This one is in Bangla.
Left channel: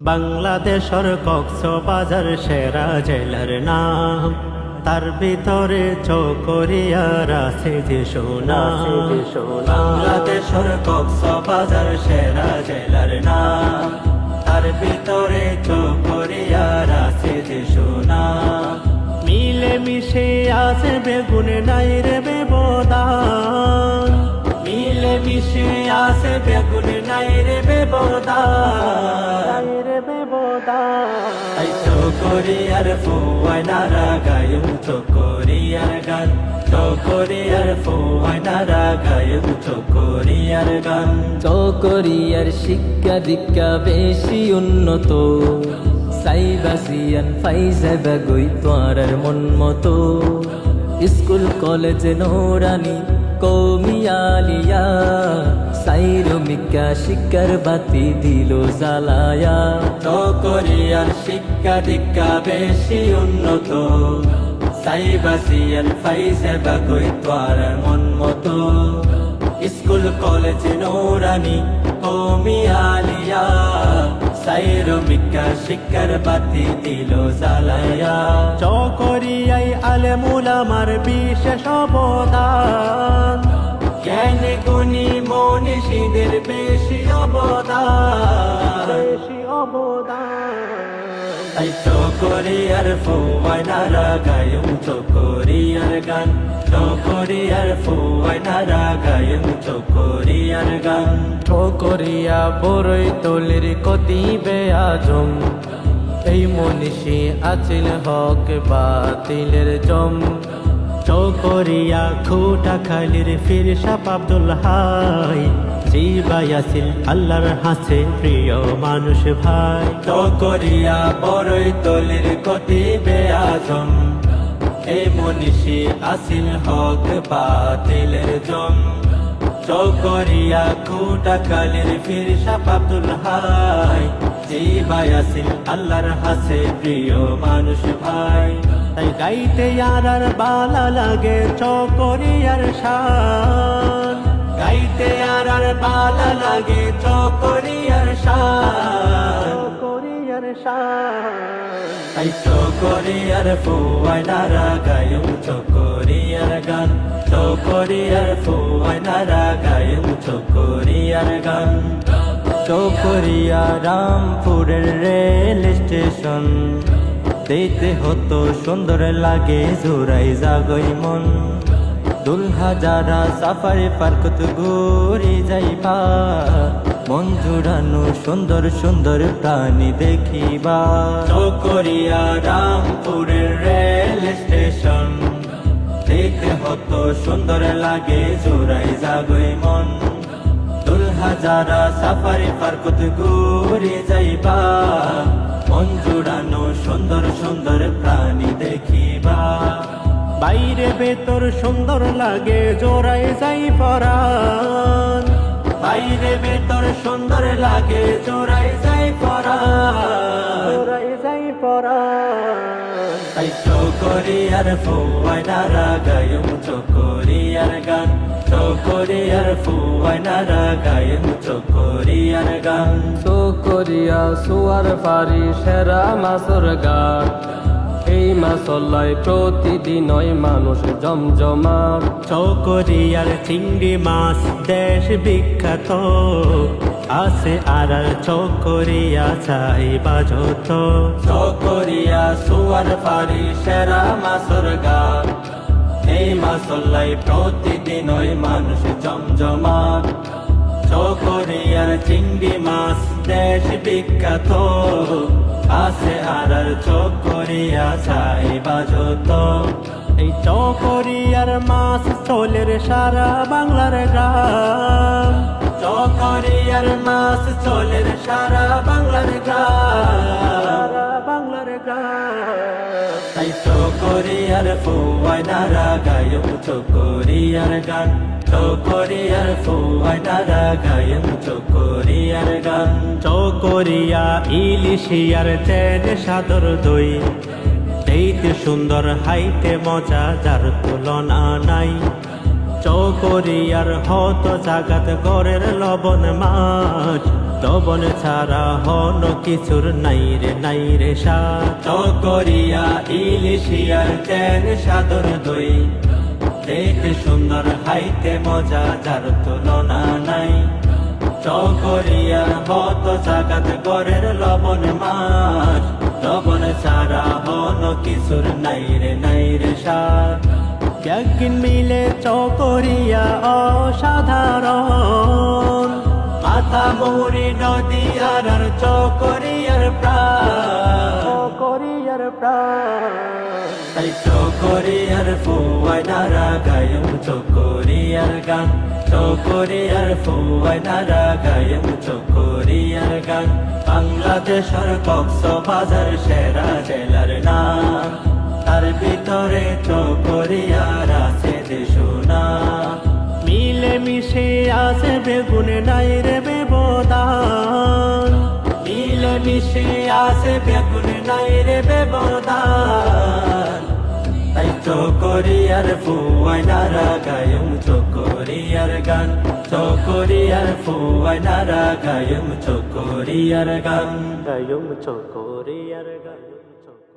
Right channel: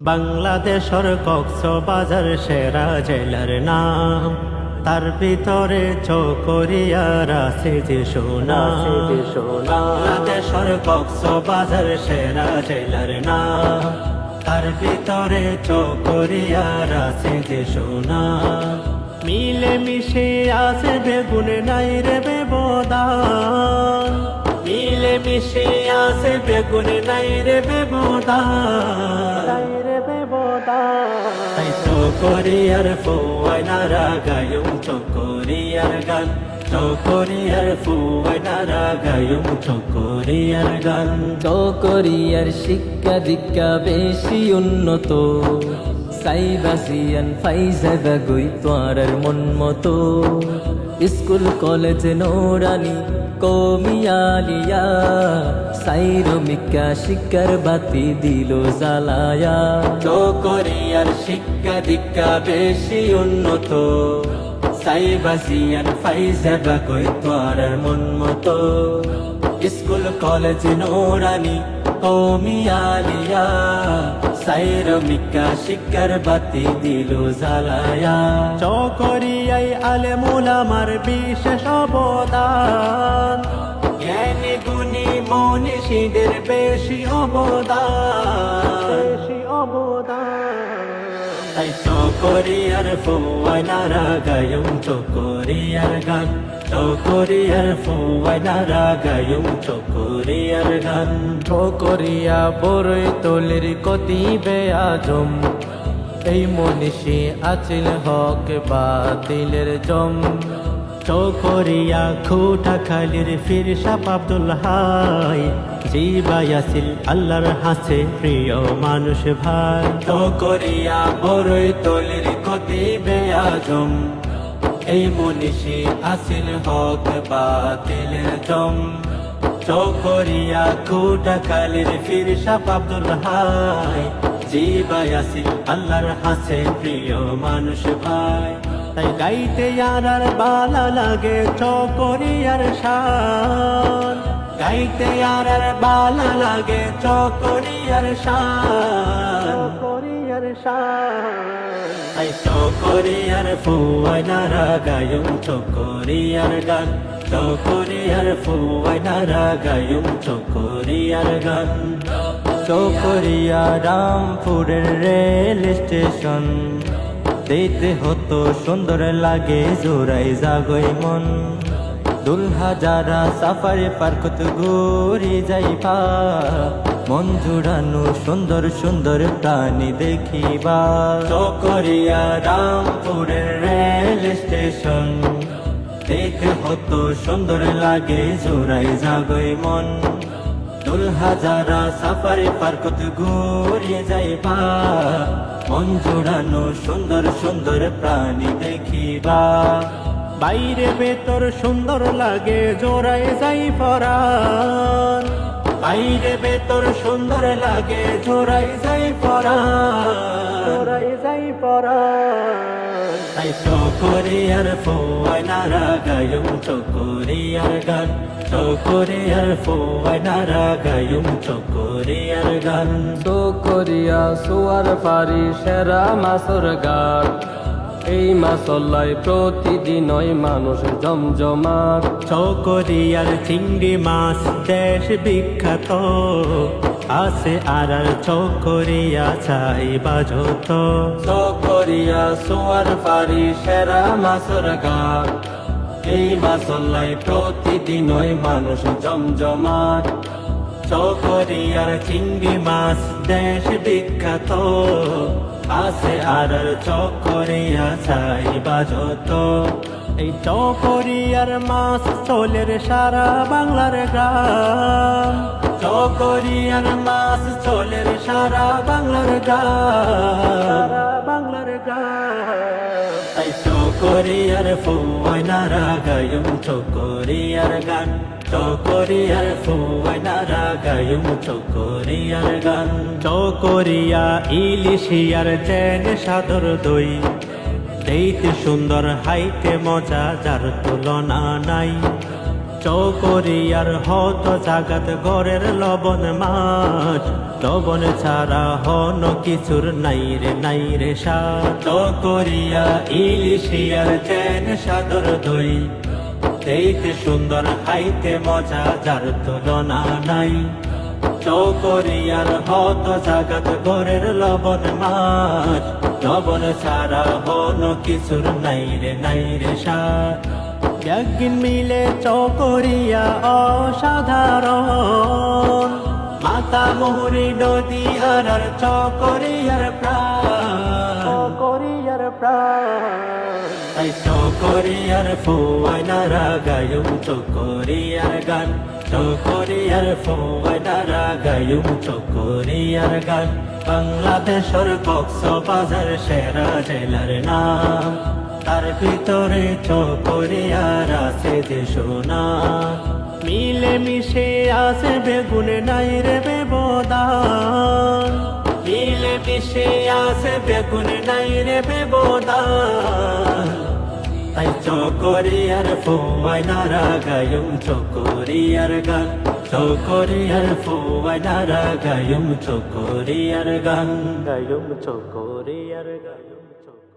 বাংলাদেশের কক্সবাজার সেরা জেলার নাম, তার ভিতরে চকরিয়ার আছে যে সুনাম। বাংলাদেশের কক্সবাজার সেরা জেলার নাম, তার ভিতরে চকরিয়ার আছে যে সুনাম। মিলে মিশে আছে বেগুন নাই রে ব্যবধান, মিলে মিশে আছে বেগুন নাই রে ব্যবধান, রে ব্যবধান। চকরিয়ার ফুয়াইনারা গায়ুম চকরিয়ার গান, চকরিয়ার ফুয়াইনারা গায়ুম চকরিয়ার গান। চকরিয়ার শিক্ষা দীক্ষা বেশি উন্নত, সাইবাসিয়ান ফাইজাবা গই তোয়ারার মন মতো। স্কুল কলেজ নোরানি কৌমিয়ালিয়া, সাইরমিকা শিক্ষার বাতি দিল জ্বালায়া। চকরিয়ার শিক্ষা দীক্ষা বেশি উন্নত, সাইবাসিয়ান ফাইজাবা গই তোয়ারার মন মতো। স্কুল কলেজ নোরানি কৌমিয়ালিয়া, সাইরমিকা শিক্ষার বাতি দিল জ্বালায়া। চকরিয়াই আলেমুল আমার বিশেষ অবদান, জ্ঞানী গুণী মনীষীদের বেশি অবদান, বেশি অবদান। তাই চকরিয়ার ফুয়াইনারা গায়ুম চকরিয়ার গান, চকরিয়ার ফুয়াইনারা গায়ুম চকরিয়ার গান। ঠোকরিয়া বড়ই তলির কতিবে আজম, এই মনীষী আছিল হক বাতিলের জম। চকরিয়া খুটা খালির ফিরসাপ আব্দুল হাই, জিবাই আসিল আল্লাহর হাসে প্রিয় মানুষ ভাই। চকরিয়া বড়ই তলির কতিবে আজম, এই মনীষী আসিল হক বাতিলের জম। চকরিয়া খুটা খালির ফিরসাপ আব্দুল হাই, জিবাই আসিল আল্লাহর হাসে প্রিয় মানুষ ভাই। তাই গাইতে আর বালা লাগে চকরিয়ার শান, গাইতে আর বালা লাগে চকরিয়ার শান, চকরিয়ার শান। তাই চকরিয়ার ফুয়াইনারা গায়ুম চকরিয়ার গান, চকরিয়ার ফুয়াইনারা গায়ুম চকরিয়ার গান। চকরিয়া রামপুরের রেল স্টেশন, দেখতে হতো সুন্দর লাগে জোড়াই জাগই মন। দুলহা যারা সাফারি পার্কত ঘুরে যাইবা, মন জুড়ানো সুন্দর সুন্দর প্রাণী দেখিবা। চকরিয়া রামপুরের রেল স্টেশন, দেখতে হতো সুন্দর লাগে জোড়াই জাগই মন। দুলহা যারা সাফারি পার্কত ঘুরে যাইবা, মন জুড়ানো সুন্দর সুন্দর প্রাণী দেখিবা। বাইরে ভেতর সুন্দর লাগে জোড়াই যাই পরাণ, বাইরে ভেতর সুন্দর লাগে জোড়াই যাই পরাণ, জোড়াই যাই পরাণ। তাই চকরিয়ার ফুয়াইনারা গায়ুম চকরিয়ার গান, চকরিয়ার ফুয়াইনারা গায়ুম চকরিয়ার গান। চকরিয়া সোয়ার ফারি সেরা মাছর ঘাট, এই মাছল্লাই প্রতিদিনই মানুষ জমজমাট। চকরিয়ার চিংড়ি মাছ দেশ বিখ্যাত, আছে আর চকরিয়া চাইবা যত। চকরিয়া সোয়ার ফারি সেরা মাছর ঘাট, এই মাছল্লাই প্রতিদিনই মানুষ জমজমাট। চকরিয়ার চিংড়ি মাছ দেশ বিখ্যাত, আছে আর চকরিয়া চাইবা যত। এই চকরিয়ার মাছ চলের সারা বাংলার গ্রাম, চকরিয়ার মাছ চলের সারা বাংলার গ্রাম, সারা বাংলার গ্রাম। তাই চকরিয়ার ফুয়াইনারা গায়ুম চকরিয়ার গান, চকরিয়ার ফুয়াইনারা গায়ুম চকরিয়ার গান। চকরিয়া ইলিশিয়ার চেন সাদর দই, দেখতে সুন্দর হাইতে মজা যার তুলনা নাই। চকরিয়ার হত জাগাত গড়ের লবণ মাছ, লবণ ছাড়া হন কিছুর নাই রে স্বাদ চকরিয়া ইলিশিয়ার চেন সাদর দই দেখতে সুন্দর খাইতে মজা যার তুলনা নাই চকরিয়ার হত জাগাত গরের লবণ মাছ লবণ ছাড়া হন কিছুর নাই রে স্বাদ একদিন মিলে চকরিয়া অসাধারণ মাতা মোহরে নদী আর চকরিয়ার প্রাণ তাই চকরিয়ার ফোয়াই নারা গায়ুম চকরিয়ার গান চকরিয়ার ফোয়াই নারা গায়ুম চকরিয়ার গান বাংলাদেশের কক্সবাজার সেরা জেলার নাম তার ভিতরে চকরিয়ার আছে যে সোনা মিলে মিশে আছে বেগুনে নাই রে বেবদান মিলে মিশে আছে বেগুনে নাই রে বেবদান তাই চকরিয়ার ফোয়াই নারা গায়ুম চকরিয়ার গান চকরিয়ার ফোয়াই নারা গায়ুম চকরিয়ার গান গায়ুম চকরিয়ার গায়ুম চক